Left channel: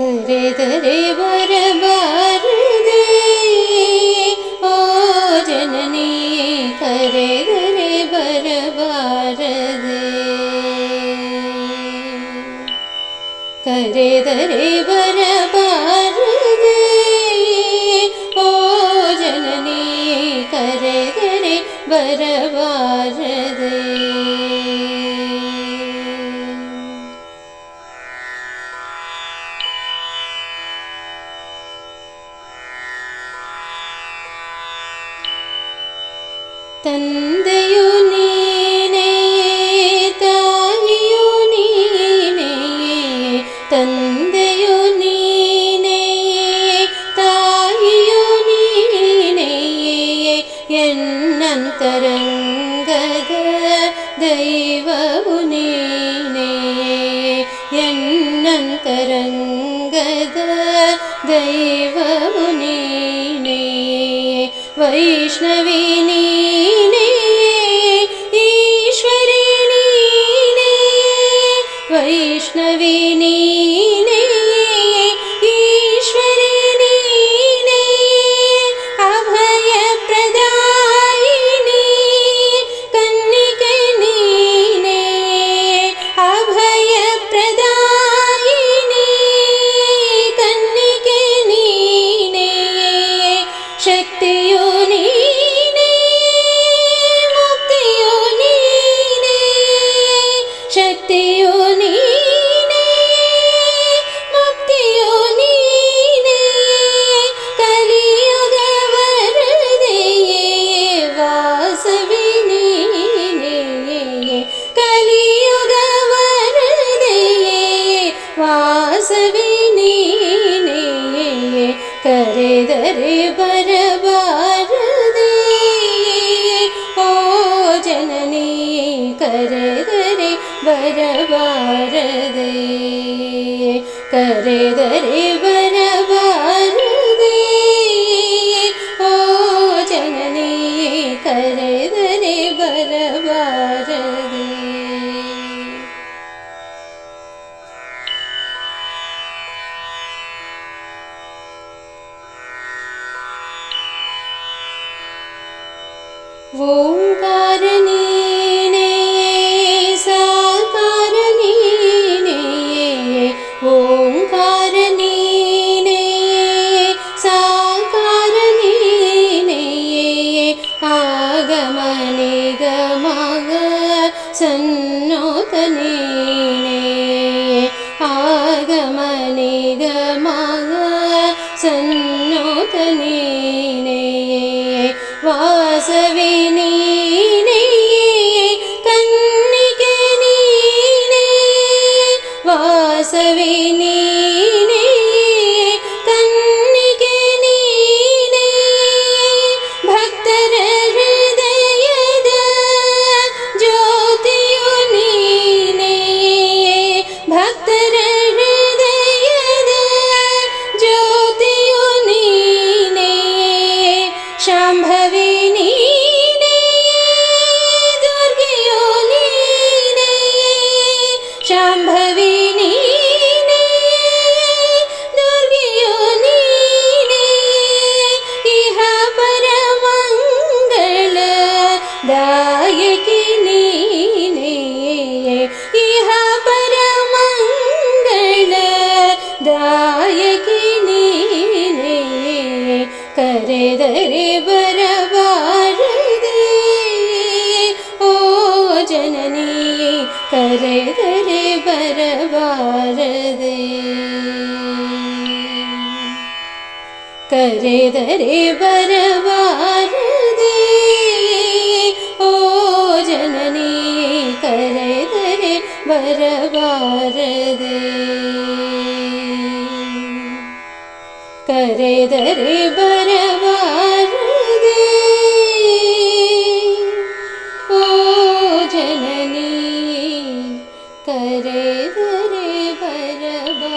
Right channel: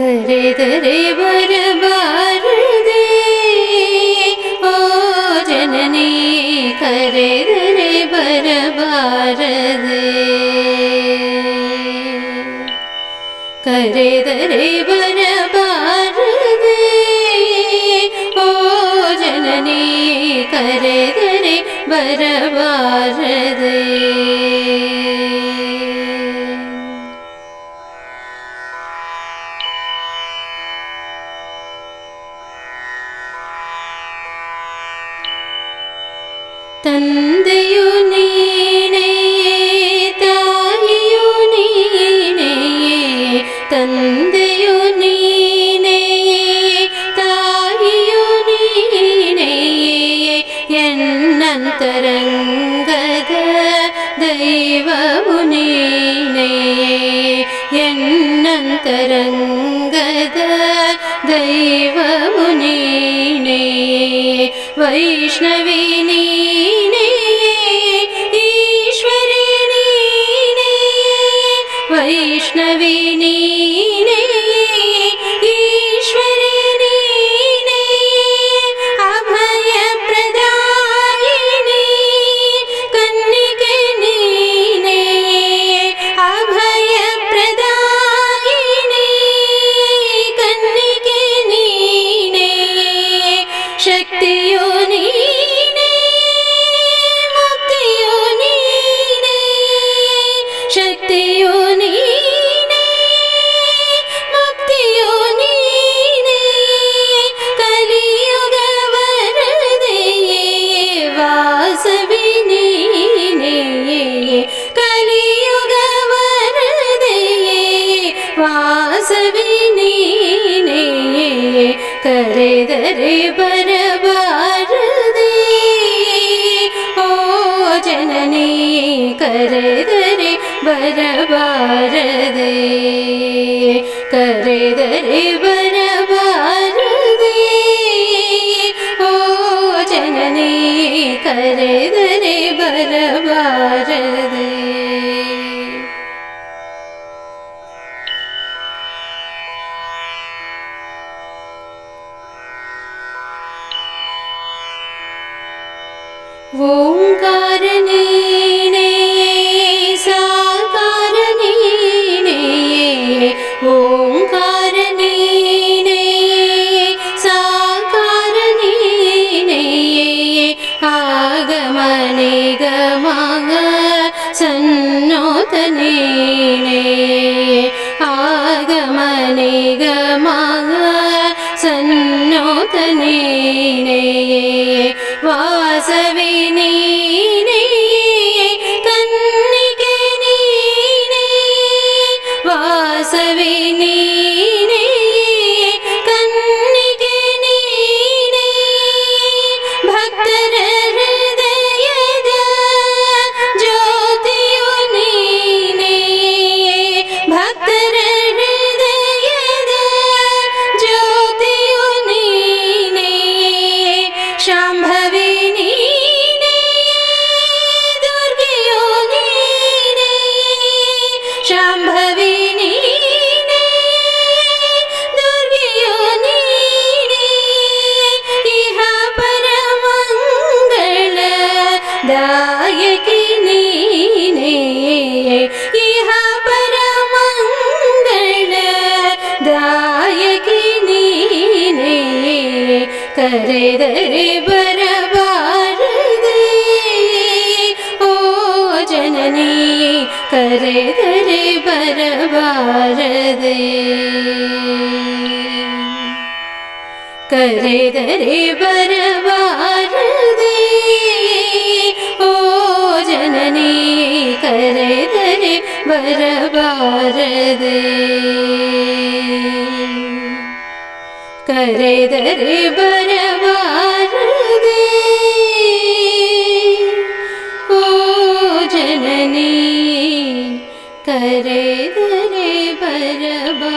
करे करे बरबार दे ओ जननी करे करे दरे बरबार दे ओ जननी ತಂದೆಯು ನೀನೇ ತಾಯಿಯು ನೀನೇ ತಂದೆಯು ನೀನೇ ತಾಯಿಯು ನೀನೇ ಎನ್ನಂತರಂಗದ ದೈವವು ನೀನೇ ಎನ್ನಂತರಂಗದ ದೈವವು वैष्णवी ಕರೆದರೆ ಬರಬಾರದೆ ಓ ಜನನಿ ಕರೆದರೆ ಬರಬಾರದೆ ಓಂಕಾರ ಆಗಮನೆ दायकि दागिनी इहा दायिनी धरे बरबारदे ओ जननी धरे ब्रारे कर धरे ब्रा वरवरदे करे रे दरे भरवा ओ जननी करे दरे भरबा